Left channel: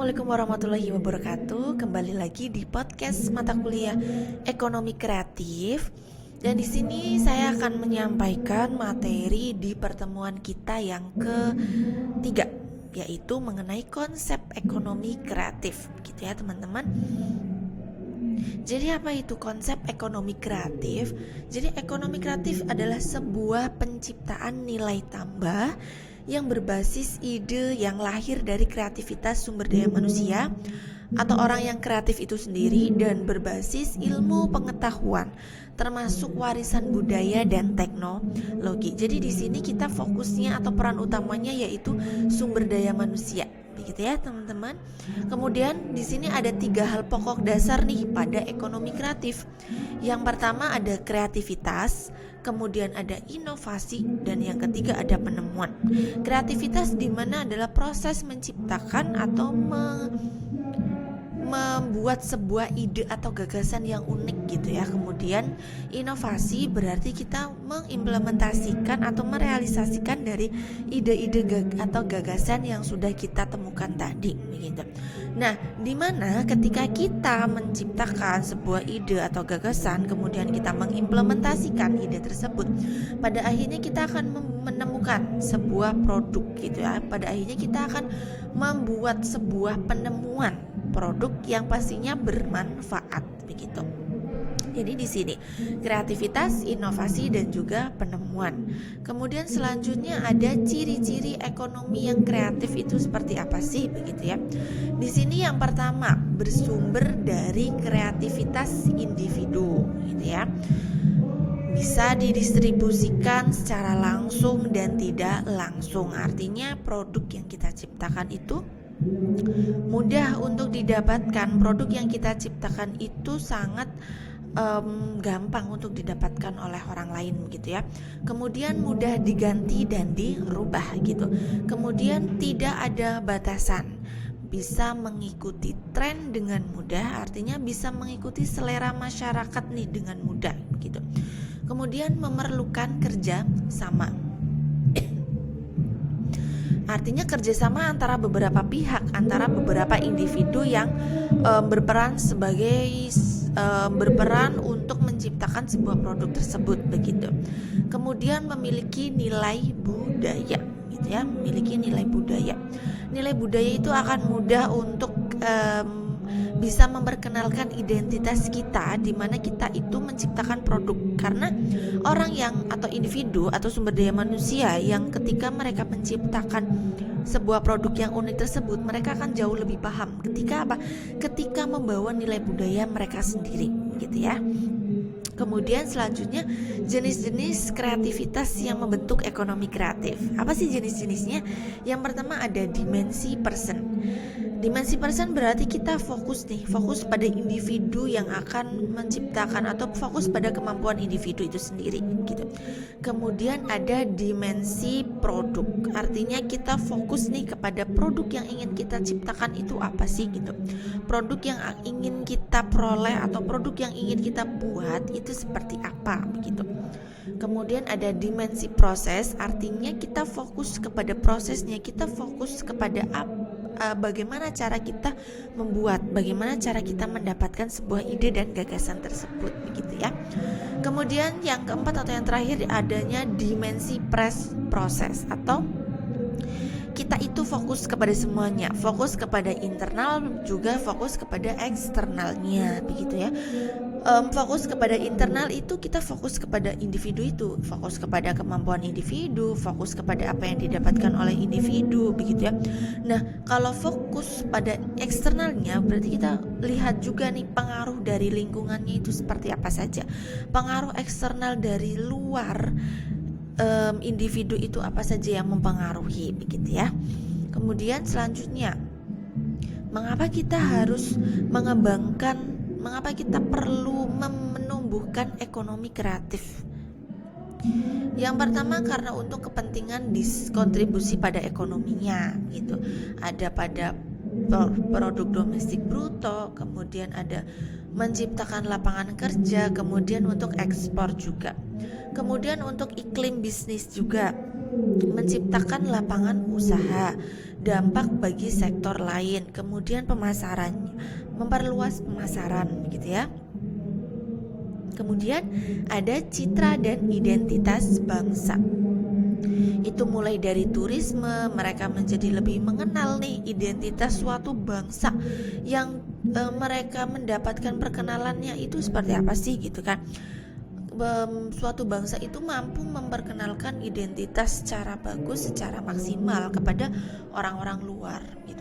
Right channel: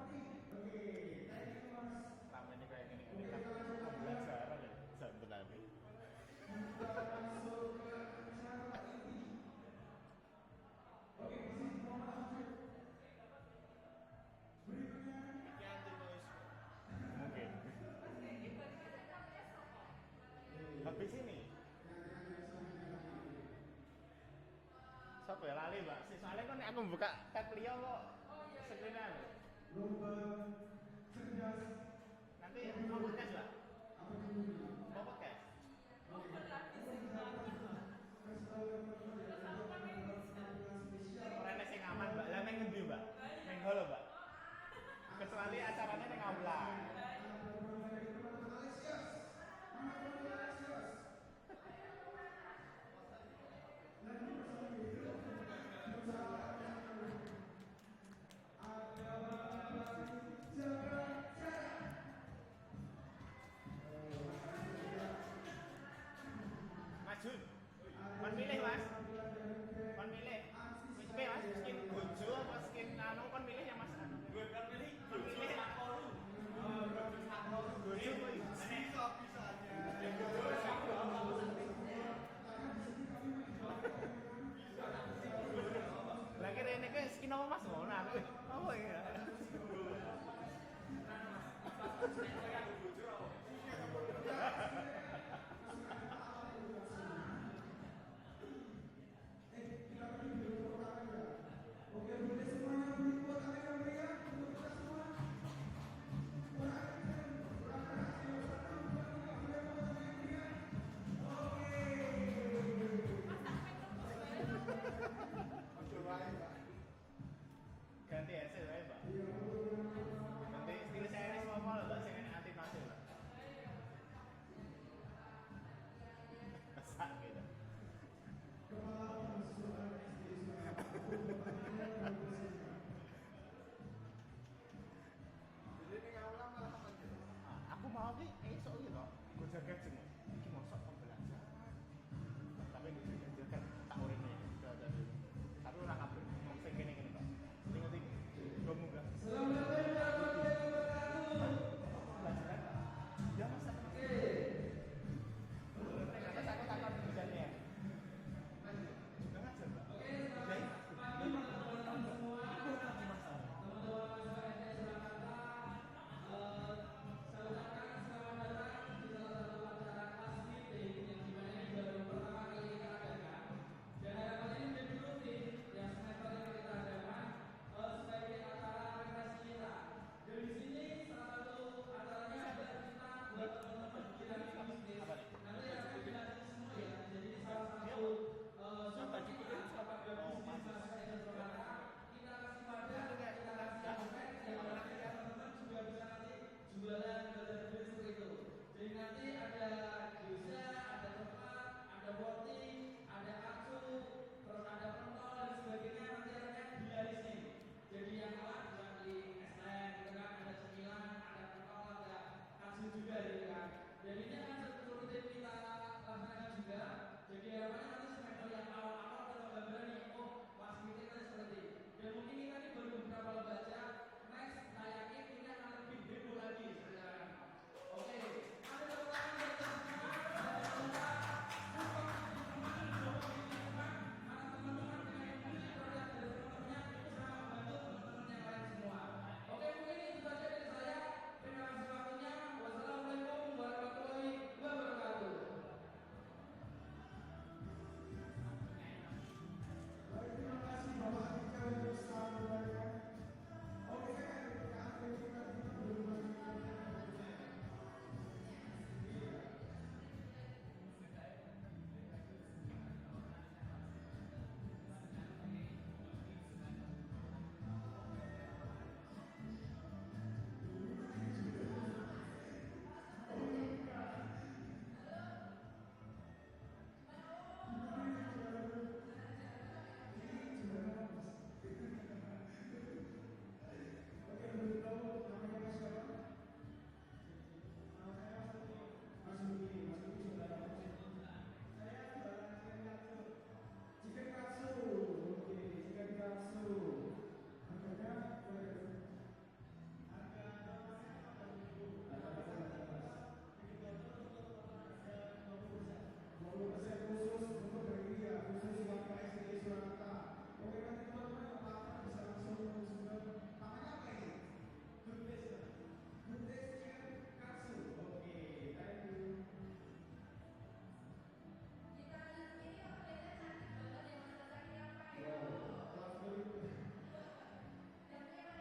Assalamualaikum warahmatullahi wabarakatuh. Kembali lagi di podcast mata kuliah Ekonomi Kreatif. Dan di sini saya akan menyampaikan materi di pertemuan kita yang ketiga, yaitu mengenai konsep ekonomi kreatif. Gitu ya, teman-teman. Jadi apa itu konsep ekonomi kreatif? Jadi ekonomi kreatif adalah sebuah penciptaan nilai tambah yang berbasis ide yang lahir dari kreativitas sumber daya manusia atau orang yang kreatif itu sendiri dan berbasis ilmu pengetahuan termasuk warisan budaya dan teknologi. Jadi di sini kita fokusnya atau peran utamanya yaitu sumber daya manusia. Begitu ya, teman-teman. Kemudian di sini ada 3 hal pokok dasar nih pada ekonomi kreatif. Yang pertama ada kreativitas, kemudian ada inovasi, dan yang ketiga ada penemuan. Kreativitas di mana adalah proses menciptakan atau membuat sebuah ide atau gagasan yang unik gitu ya. Kemudian inovasi berarti kita mengimplementasikan atau merealisasikan dari ide-ide atau gagasan yang sudah kita temukan tadi gitu. Nah, dimana ketika kita menciptakan sebuah ide atau gagasan, kemudian kita mengimplementasikan ide tersebut, pada akhirnya kita akan menemukan sebuah produk gitu ya. Pada akhirnya kita akan membuat sebuah penemuan produk yang pastinya bermanfaat begitu. Jadi di sini kreativitas, inovasi, dan juga penemuan. Kemudian selanjutnya ada ciri-ciri ekonomi yang kreatif itu seperti apa sih begitu ya. Di sini yang pertama bersumber dari kreativitas individu gitu ya. Bisa didistribusikan secara langsung dan tidak langsung. Artinya produk yang kita ciptakan itu mudah untuk didapatkan. Produk yang kita ciptakan itu sangat gampang untuk didapatkan oleh orang lain gitu ya. Kemudian mudah diganti dan dirubah gitu. Kemudian tidak ada batasan, bisa mengikuti tren dengan mudah, artinya bisa mengikuti selera masyarakat nih dengan mudah gitu. Kemudian memerlukan kerja sama, artinya kerjasama antara beberapa pihak, antara beberapa individu yang berperan untuk menciptakan sebuah produk tersebut begitu. Kemudian memiliki nilai budaya gitu ya, memiliki nilai budaya. Nilai budaya itu akan mudah untuk bisa memperkenalkan identitas kita, di mana kita itu menciptakan produk. Karena orang yang atau individu atau sumber daya manusia yang ketika mereka menciptakan sebuah produk yang unik tersebut, mereka akan jauh lebih paham ketika apa? Ketika membawa nilai budaya mereka sendiri gitu ya. Kemudian selanjutnya jenis-jenis kreativitas yang membentuk ekonomi kreatif. Apa sih jenis-jenisnya? Yang pertama ada dimensi person. Dimensi person berarti kita fokus pada individu yang akan menciptakan atau fokus pada kemampuan individu itu sendiri gitu. Kemudian ada dimensi produk. Artinya kita fokus kepada produk yang ingin kita ciptakan itu apa sih gitu. Produk yang ingin kita peroleh atau produk yang ingin kita buat itu seperti apa begitu. Kemudian ada dimensi proses, artinya kita fokus kepada prosesnya, kita fokus kepada bagaimana cara kita membuat, bagaimana cara kita mendapatkan sebuah ide dan gagasan tersebut begitu ya. Kemudian yang keempat atau yang terakhir adanya dimensi proses, atau kita itu fokus kepada semuanya, fokus kepada internal juga fokus kepada eksternalnya begitu ya. Fokus kepada internal itu kita fokus kepada individu itu, fokus kepada kemampuan individu, fokus kepada apa yang didapatkan oleh individu begitu ya. Nah, kalau fokus pada eksternalnya berarti kita lihat juga nih pengaruh dari lingkungannya itu seperti apa saja. Pengaruh eksternal dari luar individu itu apa saja yang mempengaruhi begitu ya. Kemudian selanjutnya, mengapa kita perlu menumbuhkan ekonomi kreatif? Yang pertama karena untuk kepentingan kontribusi pada ekonominya gitu. Ada pada produk domestik bruto, kemudian ada menciptakan lapangan kerja, kemudian untuk ekspor juga. Kemudian untuk iklim bisnis juga. menciptakan lapangan usaha, dampak bagi sektor lain, kemudian pemasaran, memperluas pemasaran gitu ya. Kemudian ada citra dan identitas bangsa. Itu mulai dari turisme, mereka menjadi lebih mengenal nih identitas suatu bangsa yang mereka mendapatkan perkenalannya itu seperti apa sih gitu kan. Suatu bangsa itu mampu memperkenalkan identitas secara bagus, secara maksimal kepada orang-orang luar gitu,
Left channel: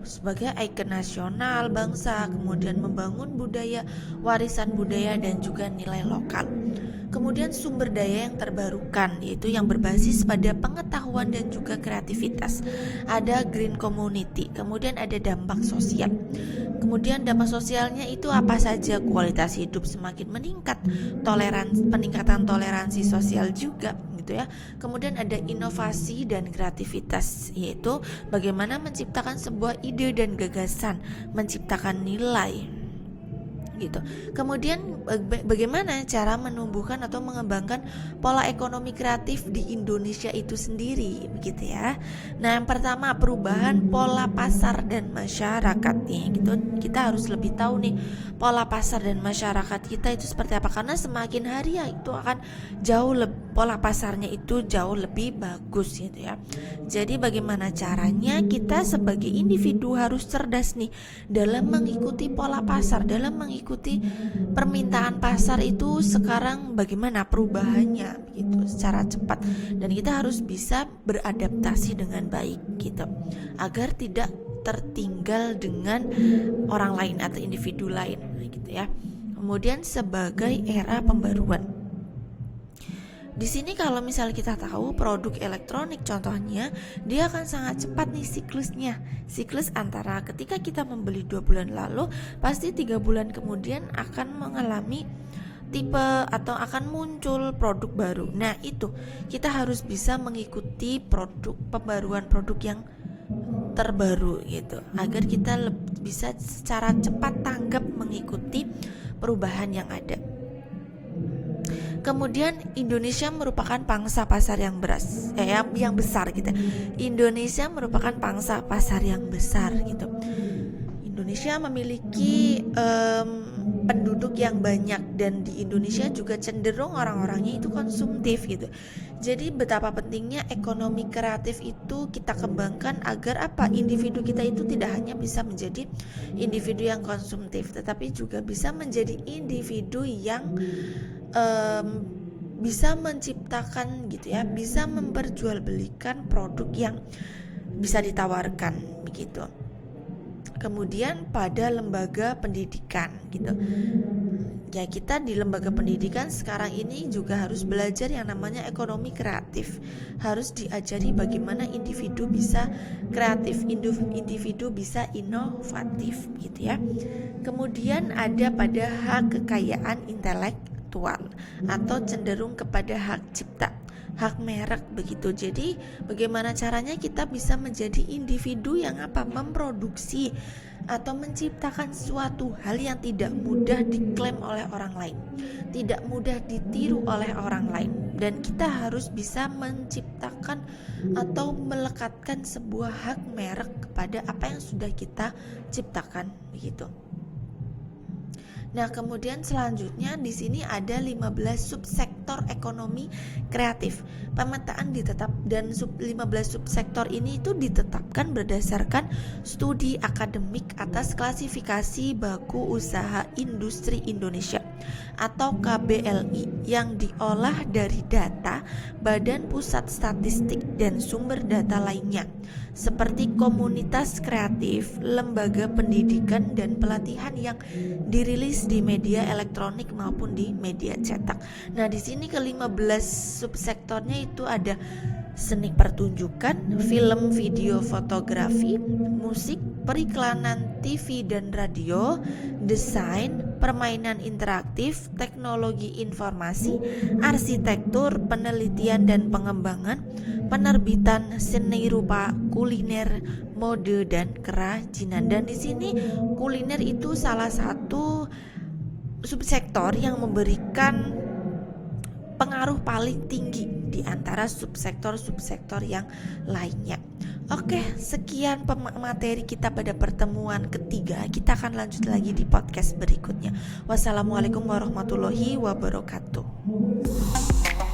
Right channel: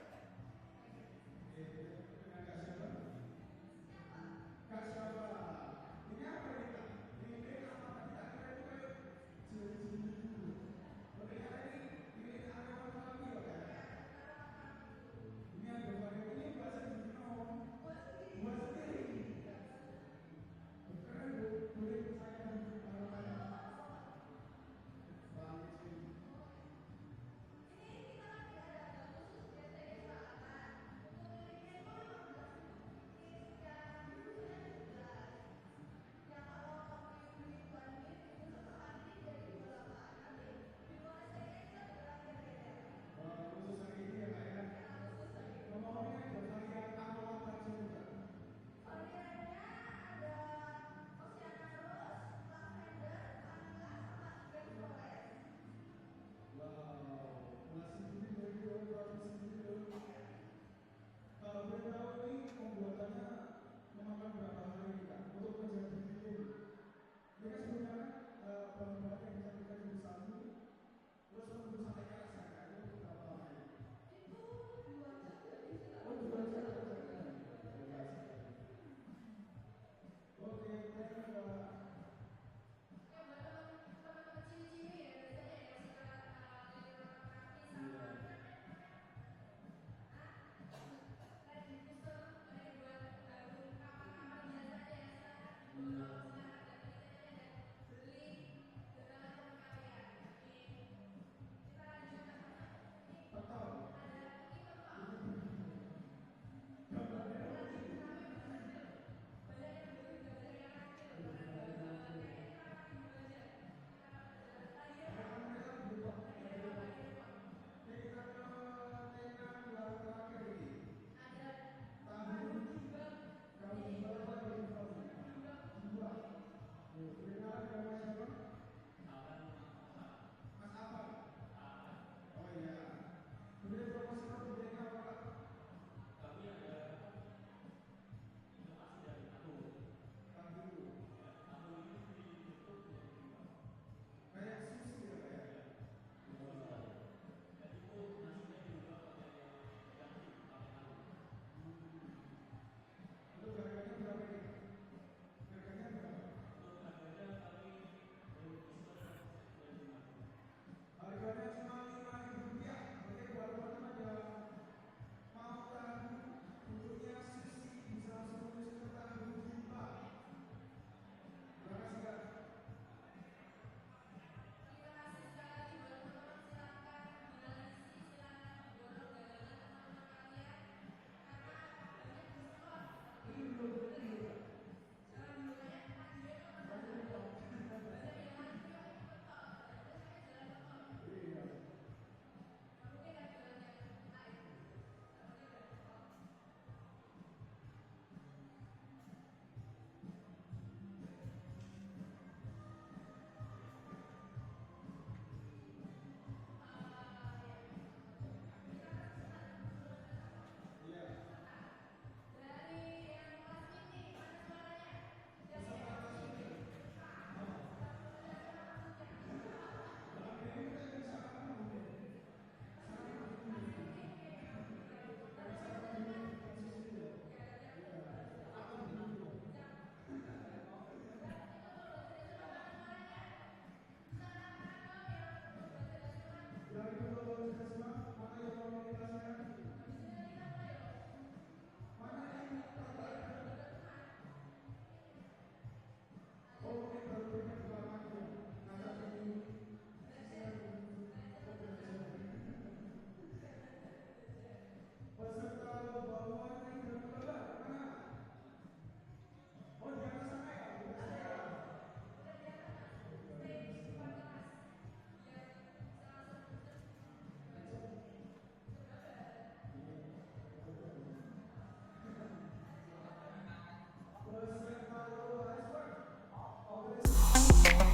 sebagai ikon nasional bangsa, kemudian membangun budaya, warisan budaya dan juga nilai lokal. Kemudian sumber daya yang terbarukan, yaitu yang berbasis pada pengetahuan dan juga kreativitas. Ada green community, kemudian ada dampak sosial. Kemudian dampak sosialnya itu apa saja? Kualitas hidup semakin meningkat, peningkatan toleransi sosial juga gitu ya. Kemudian ada inovasi dan kreativitas, yaitu bagaimana menciptakan sebuah ide dan gagasan, menciptakan nilai gitu. Kemudian bagaimana cara menumbuhkan atau mengembangkan pola ekonomi kreatif di Indonesia itu sendiri gitu ya. Nah, yang pertama perubahan pola pasar dan masyarakat nih gitu. Kita harus lebih tahu nih pola pasar dan masyarakat kita itu seperti apa, karena semakin hari ya itu akan pola pasarnya itu jauh lebih bagus gitu ya. Jadi bagaimana caranya kita sebagai individu harus cerdas nih dalam mengikuti pola pasar, dalam mengikuti permintaan pasar itu sekarang bagaimana perubahannya gitu secara cepat, dan kita harus bisa beradaptasi dengan baik gitu agar tidak tertinggal dengan orang lain atau individu lain gitu ya. Kemudian sebagai era pembaruan. Di sini kalau misalnya kita tahu produk elektronik contohnya, dia akan sangat cepat nih siklusnya. Siklus antara ketika kita membeli 2 bulan lalu, pasti 3 bulan kemudian akan mengalami tipe atau akan muncul produk baru. Nah itu kita harus bisa mengikuti pembaruan produk yang terbaru gitu, agar kita bisa secara cepat tanggap mengikuti perubahan yang ada. Kemudian Indonesia merupakan pangsa pasar yang besar gitu. Indonesia merupakan pangsa pasar yang besar gitu. Indonesia memiliki penduduk yang banyak, dan di Indonesia juga cenderung orang-orangnya itu konsumtif gitu. Jadi betapa pentingnya ekonomi kreatif itu kita kembangkan agar individu kita itu tidak hanya bisa menjadi individu yang konsumtif, tetapi juga bisa menjadi individu yang bisa menciptakan gitu ya, bisa memperjualbelikan produk yang bisa ditawarkan begitu. Kemudian pada lembaga pendidikan gitu ya, kita di lembaga pendidikan sekarang ini juga harus belajar yang namanya ekonomi kreatif. Harus diajari bagaimana individu bisa kreatif, individu bisa inovatif gitu ya. Kemudian ada pada hak kekayaan intelektual atau cenderung kepada hak cipta, hak merek begitu. Jadi bagaimana caranya kita bisa menjadi individu yang memproduksi atau menciptakan suatu hal yang tidak mudah diklaim oleh orang lain, tidak mudah ditiru oleh orang lain, dan kita harus bisa menciptakan atau melekatkan sebuah hak merek kepada apa yang sudah kita ciptakan begitu. Nah, kemudian selanjutnya di sini ada 15 subsektor ekonomi kreatif. Pemetaan 15 subsektor ini itu ditetapkan berdasarkan studi akademik atas klasifikasi baku usaha industri Indonesia atau KBLI yang diolah dari data Badan Pusat Statistik dan sumber data lainnya, seperti komunitas kreatif, lembaga pendidikan dan pelatihan yang dirilis di media elektronik maupun di media cetak. Nah, di sini ke-15 subsektornya itu ada seni pertunjukan, film, video, fotografi, musik, periklanan TV dan radio, desain, permainan interaktif, teknologi informasi, arsitektur, penelitian dan pengembangan, penerbitan, seni rupa, kuliner, mode dan kerajinan. Dan di sini kuliner itu salah satu subsektor yang memberikan berpengaruh paling tinggi di antara subsektor-subsektor yang lainnya. Oke, sekian materi kita pada pertemuan ketiga. Kita akan lanjut lagi di podcast berikutnya. Wassalamualaikum warahmatullahi wabarakatuh.